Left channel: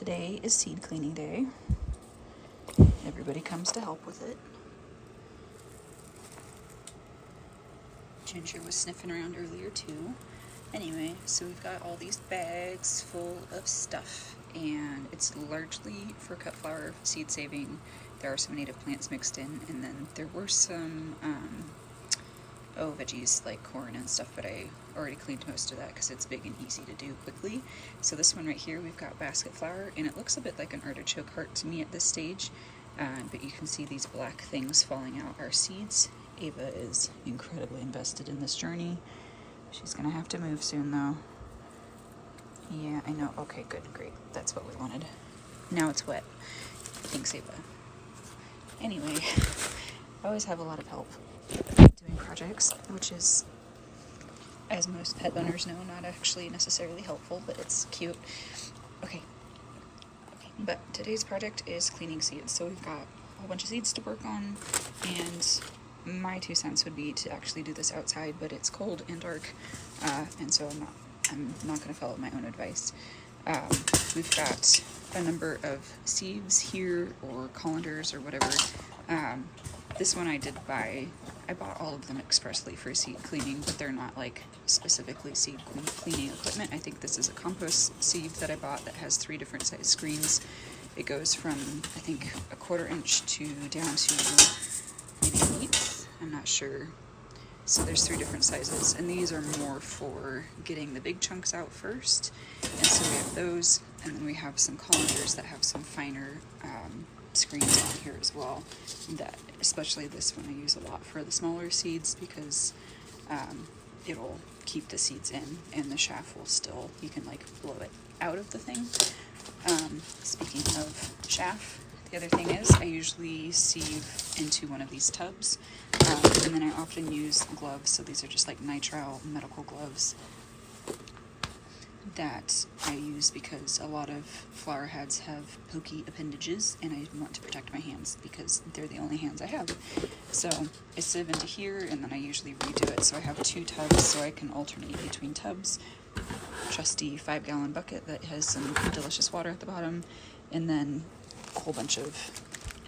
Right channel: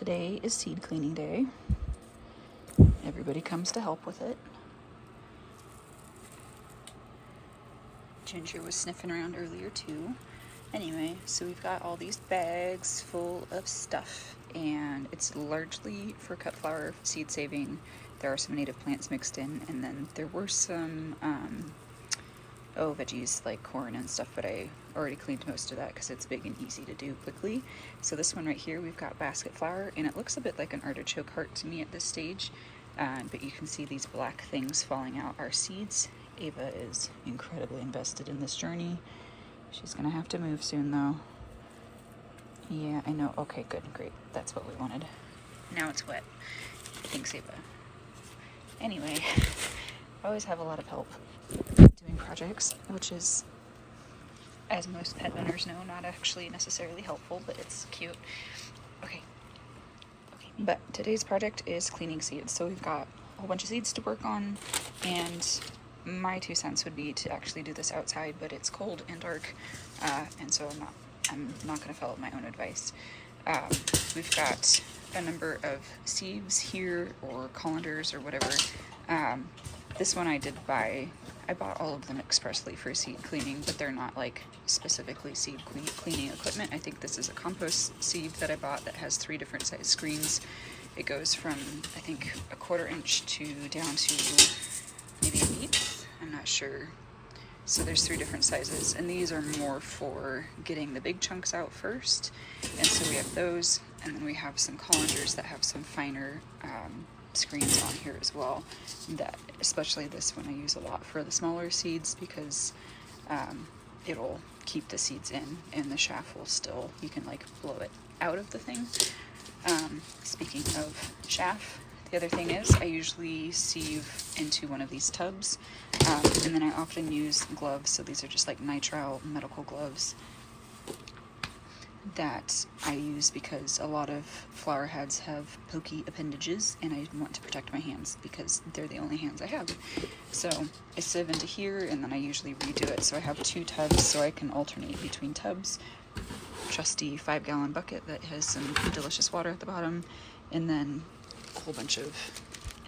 Today is seed cleaning day. Everybody comes to help with it. Ginger was sniffing around earlier too. Anyway, so we've got all these bags full of stuff, and it's largely for cut flower seed saving. There are some native plants mixed in, and then there were some veggies like corn and stuff, but I already cleaned most of that because it's big and easy to do quickly. So this one right here, we've got basket flower, and it looks a bit like an artichoke heart to me at this stage, but you can see these black things falling out are seeds. Ava is incredibly invested in this journey. She's gonna have to move soon though. Yeah, I know. Okay, good, great. That's what we wanted. Now it's wet. Thanks, Ava. Anyway, I always have a lot of help doing projects, which is, as most pet owners know, not actually necessarily helpful, but it's cute. Okay. But today's project is cleaning seeds. So we've got a whole bunch of seeds to work on, and my 2 cents would be to actually do this outside, but it's cold and dark, and so I'm not going to follow my own advice. We've got a number of sieves here, or colanders, or whatever. This one I bought all of them expressly for seed cleaning, but they're not like specifically seed cleaning equipment. I think this is a compost sieve that I bought that has 3 different size screens. It goes from, I think, 1/4 inch to down to maybe 1/8. I'm not sure. So there's 3 different sizes, and these are more for getting the big chunks out first. And so we have those, and then we have some colanders that have some finer screens on here as well. That, especially this one, I use a lot for the smaller seeds because it'll keep the seeds in, and the chaff will still, you can like blow it out of the thing. Speaking of chaff, the other thing is I usually sieve into one of these tubs, and then I often use gloves. So these are just like nitrile medical gloves that I use because a lot of flower heads have pokey appendages, and I want to protect my hands because they're the only hands I have. So I sieve into here, and then I usually redo it. So I have 2 tubs, so I can alternate between tubs. Trusty 5-gallon bucket that has some delicious water at the bottom, and then a whole bunch of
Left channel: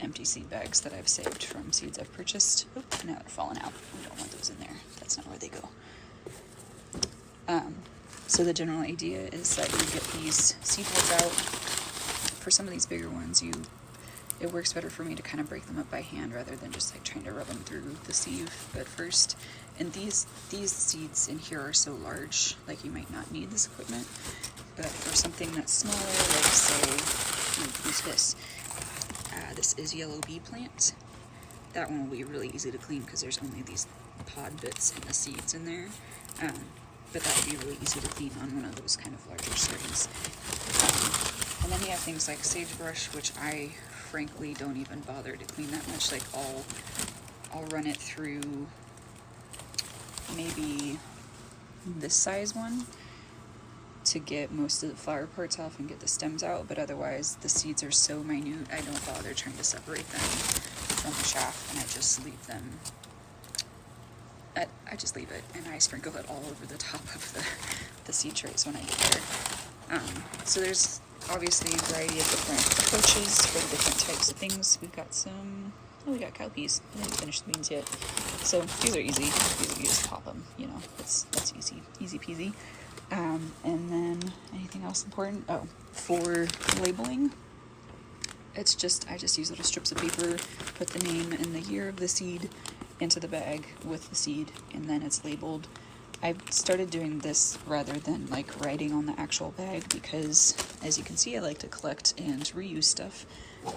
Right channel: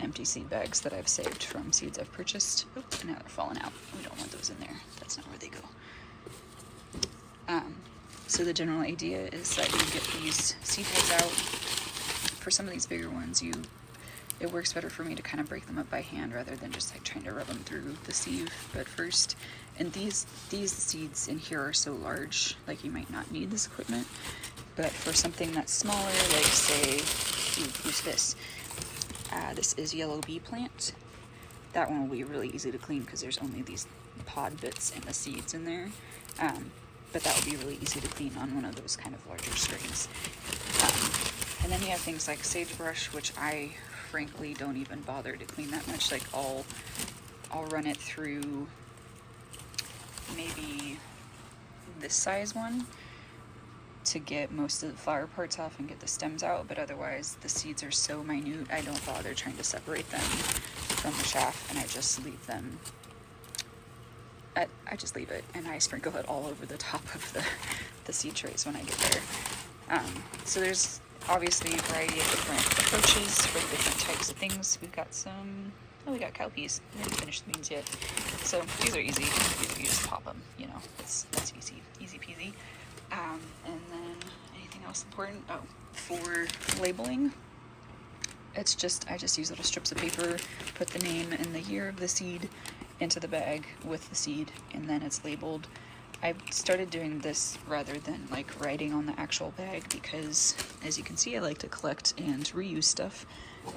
empty seed bags that I've saved from seeds I've purchased. Oop, now they're falling out. We don't want those in there. That's not where they go. So the general idea is that you get these seed heads out. For some of these bigger ones, it works better for me to kind of break them up by hand rather than just like trying to rub them through the sieve. But first, and these seeds in here are so large, like you might not need this equipment. But for something that's smaller, like say, who's this? This is yellow bee plant. That one will be really easy to clean because there's only these pod bits and the seeds in there. But that would be really easy to clean on one of those kind of larger screens. And then you have things like sagebrush, which I frankly don't even bother to clean that much. Like I'll run it through maybe this size one to get most of the flower parts off and get the stems out, but otherwise the seeds are so minute I don't bother trying to separate them from the chaff, and I just leave them. I just leave it, and I sprinkle it all over the top of the seed trays when I get there. So there's obviously a variety of different approaches for the different types of things. We've got we got cowpeas. I didn't finish the beans yet. So these are easy. You just pop them, that's easy peasy. And then anything else important? Oh, for labeling, I just use little strips of paper, put the name and the year of the seed into the bag with the seed, and then it's labeled. I've started doing this rather than like writing on the actual bag because, as you can see, I like to collect and reuse stuff,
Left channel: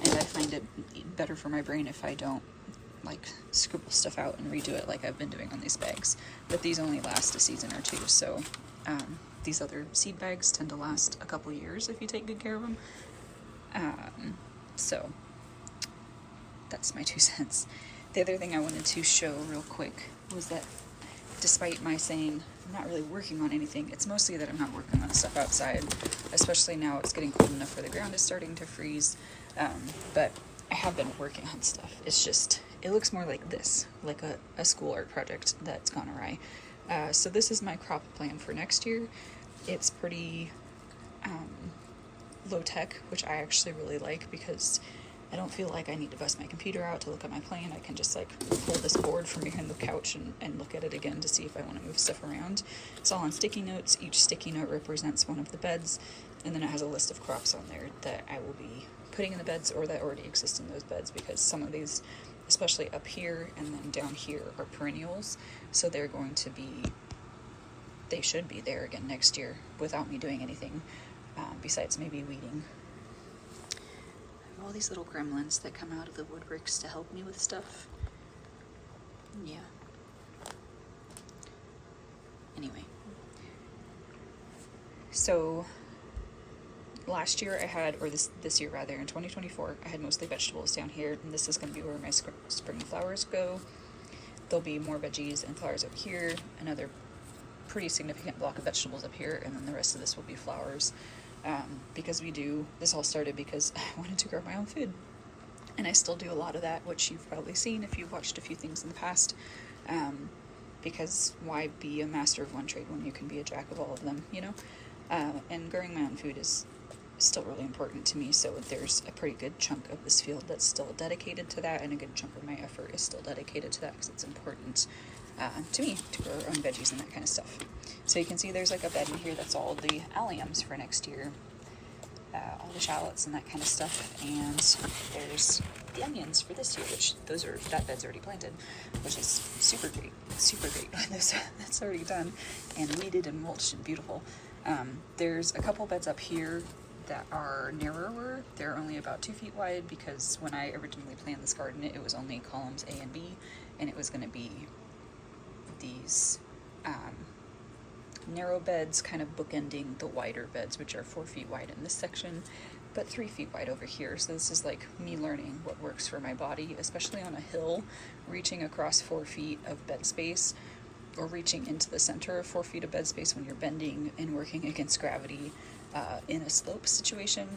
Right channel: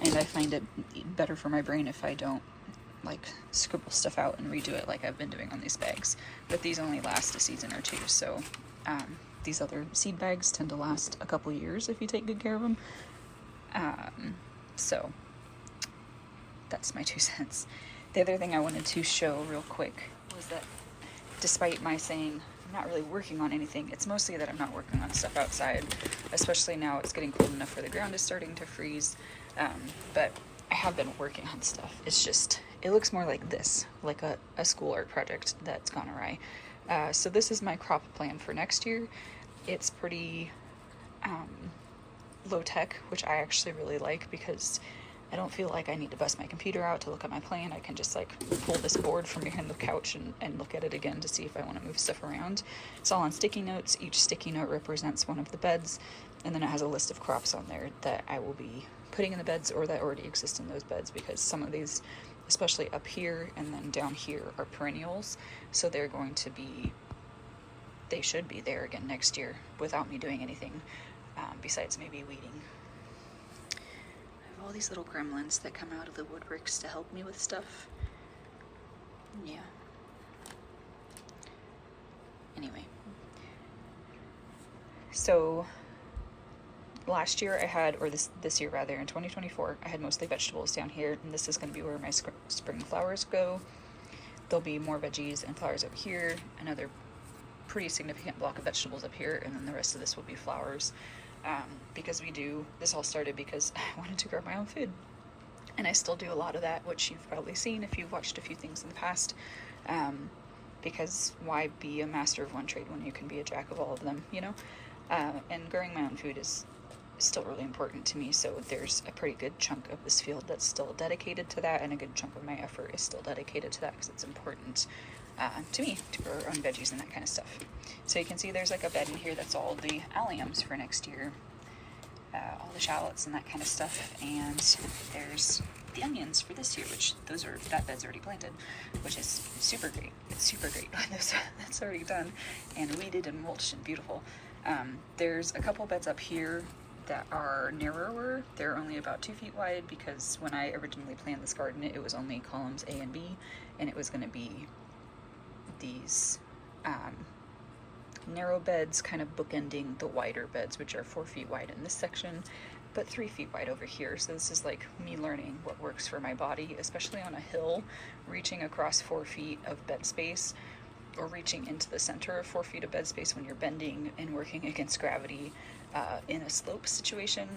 and I find it better for my brain if I don't like scribble stuff out and redo it like I've been doing on these bags. But these only last a season or 2, so these other seed bags tend to last a couple years if you take good care of them. So that's my 2 cents. The other thing I wanted to show real quick was that despite my saying I'm not really working on anything, it's mostly that I'm not working on stuff outside, especially now it's getting cold enough where the ground is starting to freeze. But I have been working on stuff. It's just, it looks more like this, like a school art project that's gone awry. So this is my crop plan for next year. It's pretty low tech, which I actually really like because I don't feel like I need to bust my computer out to look at my plan. I can just like pull this board from behind the couch and look at it again to see if I want to move stuff around. It's all on sticky notes. Each sticky note represents one of the beds, and then it has a list of crops on there that I will be putting in the beds or that already exist in those beds, because some of these, especially up here and then down here, are perennials. So they're going to be, they should be there again next year without me doing anything besides maybe weeding. I have all these little gremlins that come out of the wood bricks to help me with stuff. Yeah. Anyway. So last year I had, or this year rather, in 2024, I had mostly vegetables down here, and this is going to be where my spring flowers go. There'll be more veggies and flowers up here, another pretty significant block of vegetables up here, and then the rest of this will be flowers. Because this all started because I wanted to grow my own food. And I still do a lot of that, which you've probably seen if you've watched a few things in the past. Because why be a master of one trade when you can be a jack of all of them, you know? And growing my own food is still really important to me, so there's a pretty good chunk of this field that's still dedicated to that, and a good chunk of my effort is still dedicated to that because it's important to me to grow our own veggies and that kind of stuff. So you can see there's like a bed in here that's all the alliums for next year, all the shallots and that kind of stuff, and there's the onions for this year, which that bed's already planted, which is super great that's already done and weeded and mulched and beautiful. There's a couple beds up here that are narrower. They're only about 2 feet wide because when I originally planned this garden, it was only columns A and B, and it was going to be these narrow beds kind of bookending the wider beds, which are 4 feet wide in this section, but 3 feet wide over here. So this is like me learning what works for my body, especially on a hill, reaching across 4 feet of bed space, or reaching into the center of 4 feet of bed space when you're bending and working against gravity in a slope situation.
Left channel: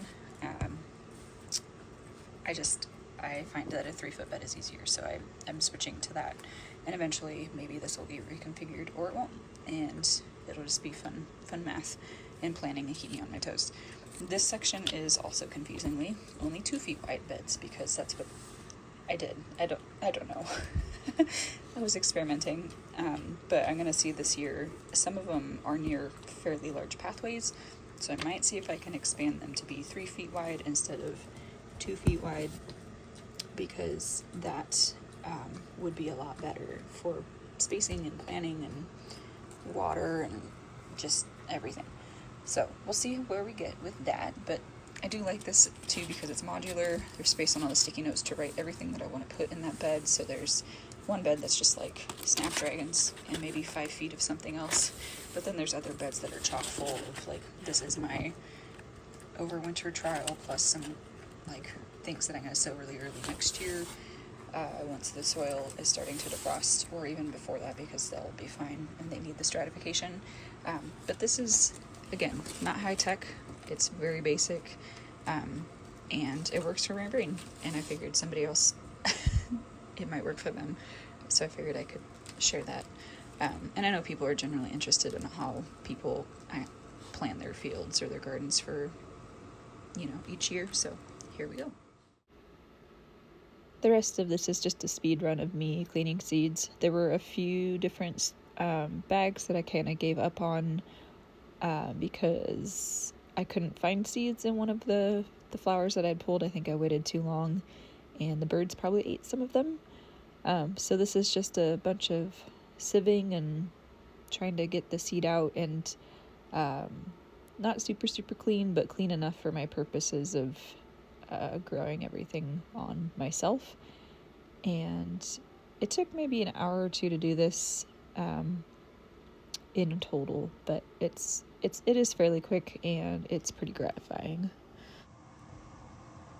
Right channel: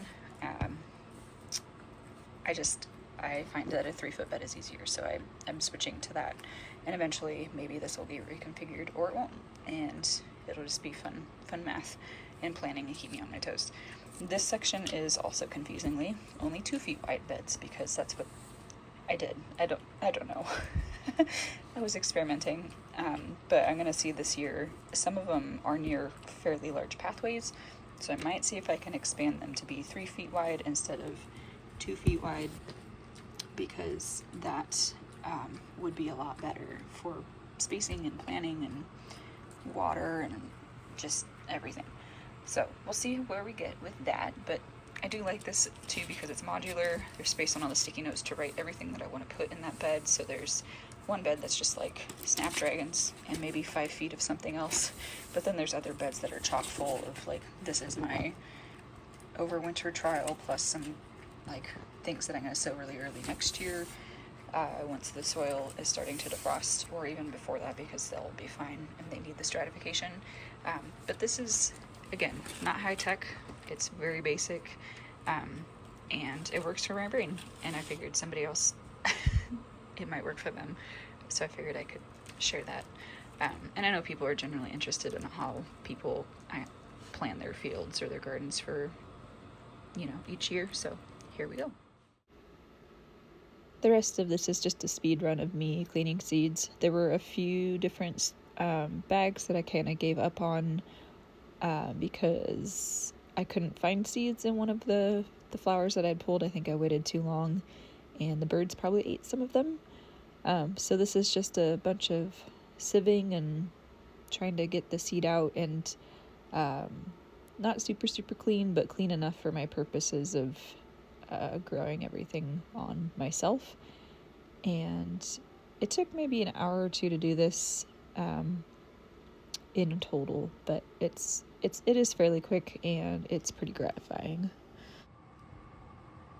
I find that a 3-foot bed is easier, so I'm switching to that, and eventually maybe this will be reconfigured or it won't, and it'll just be fun math and planning and keep me on my toes. This section is also confusingly only 2 feet wide beds because that's what I did. I don't know. I was experimenting, but I'm gonna see this year. Some of them are near fairly large pathways, so I might see if I can expand them to be 3 feet wide instead of 2 feet wide, because that would be a lot better for spacing and planning and water and just everything. So we'll see where we get with that, but I do like this too because it's modular. There's space on all the sticky notes to write everything that I want to put in that bed. So there's one bed that's just like snapdragons and maybe 5 feet of something else, but then there's other beds that are chock full of like, this is my overwinter trial plus some like things that I'm going to sow really early next year once the soil is starting to defrost, or even before that, because they'll be fine and they need the stratification. But this is, again, not high tech. It's very basic, and it works for my brain, and I figured somebody else it might work for them, so I figured I could share that. And I know people are generally interested in how people plan their fields or their gardens for, each year, so here we go. The rest of this is just a speed run of me cleaning seeds. There were a few different bags that I kind of gave up on because I couldn't find seeds in one of the flowers that I'd pulled. I think I waited too long, and the birds probably ate some of them. So this is just a bunch of sieving and trying to get the seed out, and not super clean, but clean enough for my purposes of growing everything on myself. And it took maybe an hour or two to do this in total, but it is fairly quick and it's pretty gratifying.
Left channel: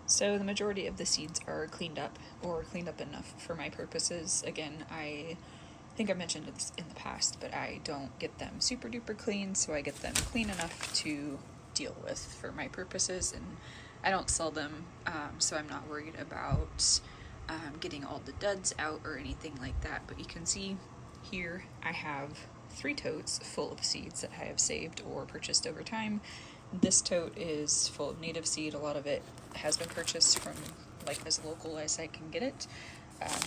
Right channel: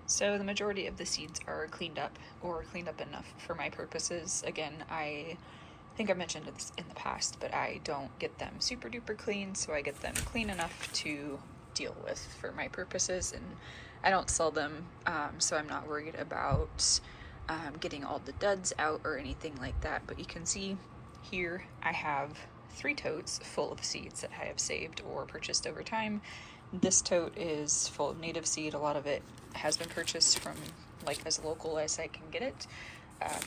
So the majority of the seeds are cleaned up, or cleaned up enough for my purposes. Again, I think I mentioned this in the past, but I don't get them super duper clean, so I get them clean enough to deal with for my purposes, and I don't sell them, so I'm not worried about getting all the duds out or anything like that. But you can see here I have 3 totes full of seeds that I have saved or purchased over time, This tote is full of native seed. A lot of it has been purchased from like as local as I can get it,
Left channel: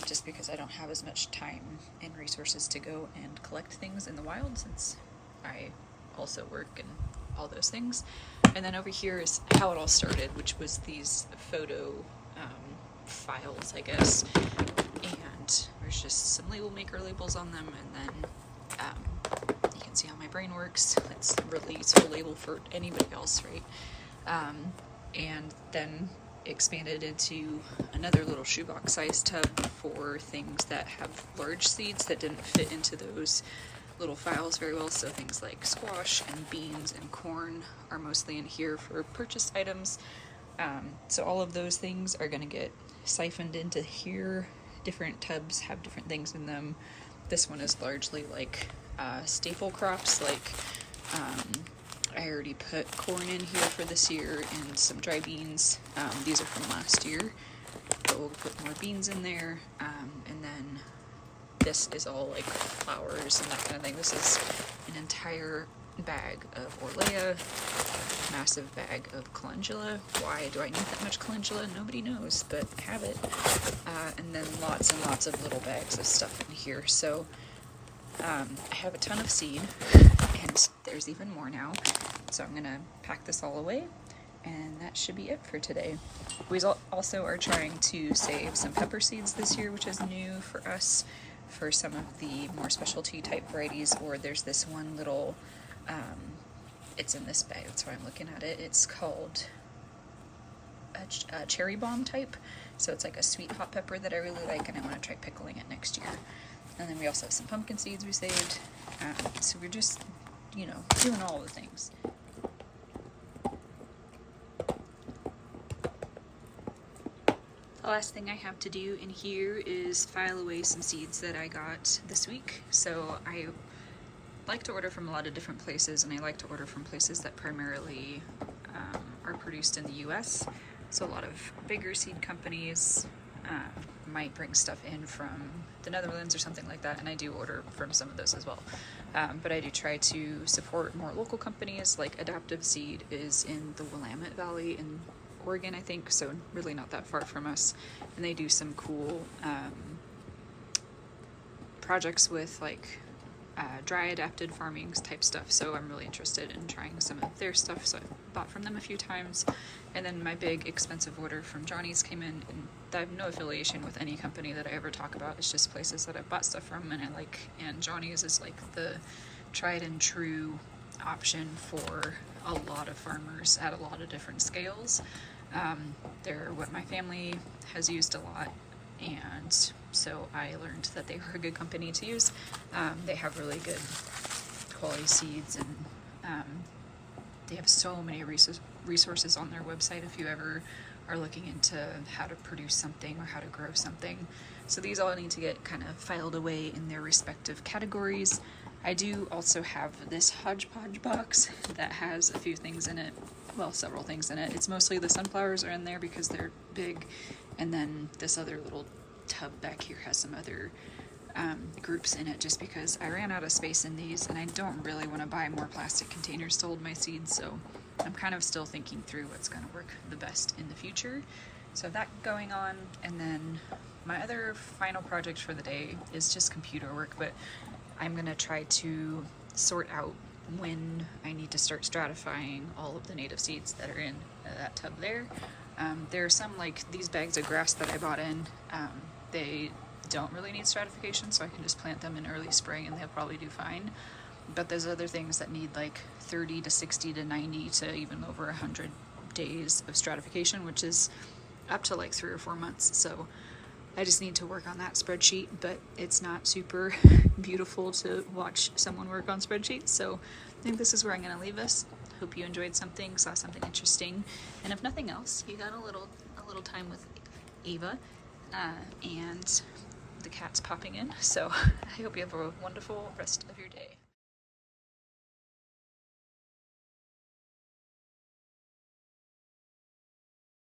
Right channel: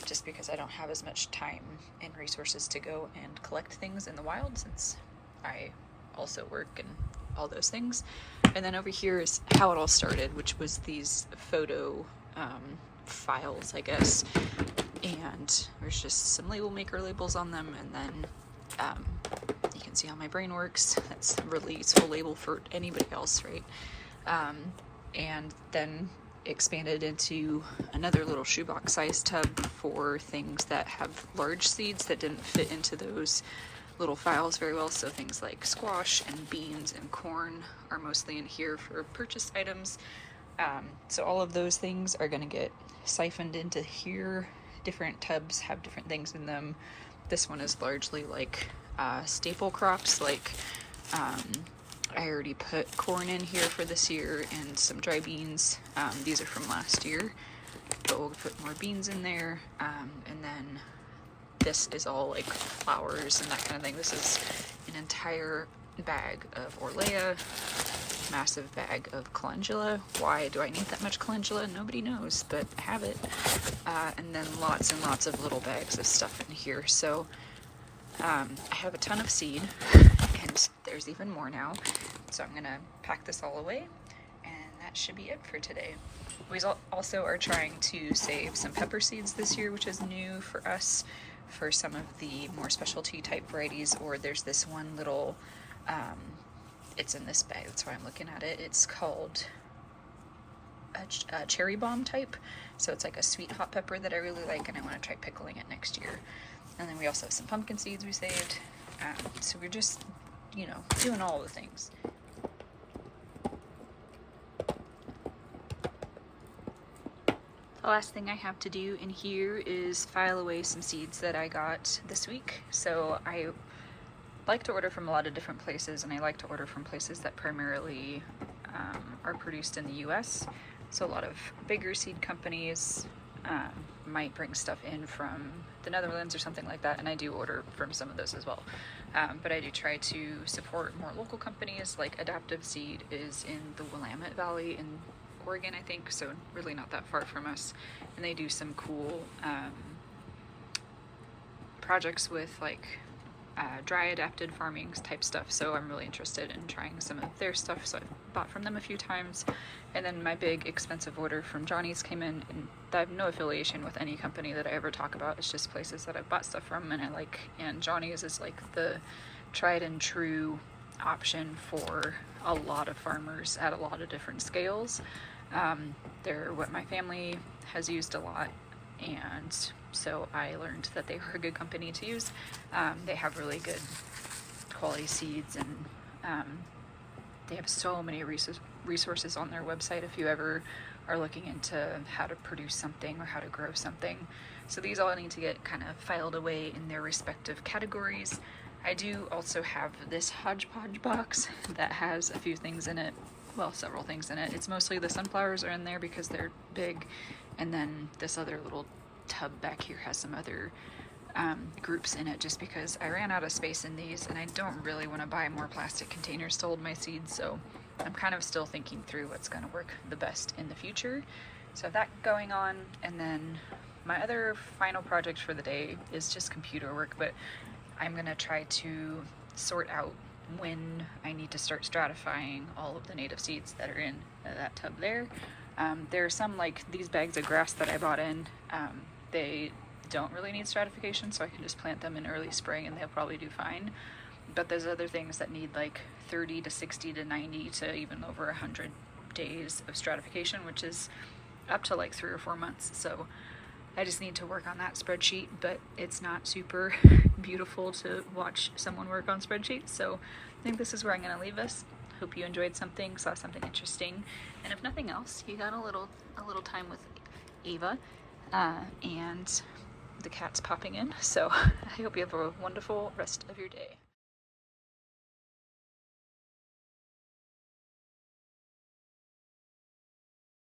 just because I don't have as much time and resources to go and collect things in the wild, since I also work and all those things. And then over here is how it all started, which was these photo files, I guess. And there's just some label maker labels on them, and then you can see how my brain works. That's a really useful label for anybody else, right? And then expanded into another little shoebox size tub for things that have large seeds that didn't fit into those little files very well. So things like squash and beans and corn are mostly in here for purchased items. So all of those things are going to get siphoned into here. Different tubs have different things in them. This one is largely like staple crops, like I already put corn in here for this year and some dry beans. These are from last year, but we'll put more beans in there. And then this is all like flowers and that kind of thing. This is an entire bag of Orlea, massive bag of calendula. Why do I need that much calendula? Nobody knows, but I have it. And then lots and lots of little bags of stuff in here. So I have a ton of seed, and there's even more now. So I'm gonna pack this all away, and that should be it for today. We also are trying to save some pepper seeds this year, which is new for us, for some of the more specialty type varieties. Or there's this one little, it's in this bag, that's why I'm looking at it. It's called a cherry bomb type. So it's like a sweet hot pepper that I really like, and I want to try pickling it next year. And then we also have some pumpkin seeds we saved. So we're just, you know, doing all the things. The last thing I have to do in here is file away some seeds that I got this week. So I like to order from a lot of different places, and I like to order from places that primarily are produced in the US. So a lot of bigger seed companies might bring stuff in from the Netherlands or something like that, and I do order from some of those as well. But I do try to support more local companies. Like Adaptive Seed is in the Willamette Valley in Oregon, I think, so really not that far from us, and they do some cool projects with like dry adapted farming type stuff. So I'm really interested in trying some of their stuff, so I've bought from them a few times. And then my big expensive order from Johnny's came in, and I have no affiliation with any company that I ever talk about. It's just places that I've bought stuff from and I like, and Johnny's is like the tried and true option for a lot of farmers at a lot of different scales. They're what my family has used a lot, and so I learned that they were a good company to use. They have really good quality seeds, and they have so many resources on their website if you ever are looking into how to produce something or how to grow something. So these all need to get kind of filed away in their respective categories. I do also have this hodgepodge box that has a few things in it. Well, several things in it. It's mostly the sunflowers are in there because they're big, and then this other little tub back here has some other groups in it, just because I ran out of space in these and I don't really want to buy more plastic containers to hold my seeds. So I'm kind of still thinking through what's going to work the best in the future. So that going on, and then my other final project for the day is just computer work, but I'm going to try to sort out when I need to start stratifying all of the native seeds that are in that tub there. There are some, like these bags of grass that I bought in, they don't really need stratification, so I can just plant them in early spring and they'll probably do fine. But there's other things that need like 30 to 60 to 90 to even over 100 days of stratification, which is up to like 3 or 4 months. So I just need to work on that spreadsheet, but it's not super beautiful to watch someone work on spreadsheets. So I think this is where I'm going to leave this. Hope you enjoyed something, saw something interesting, and if nothing else, you got a little time with Ava, and the cat's popping in. So I hope you have a wonderful rest of your day.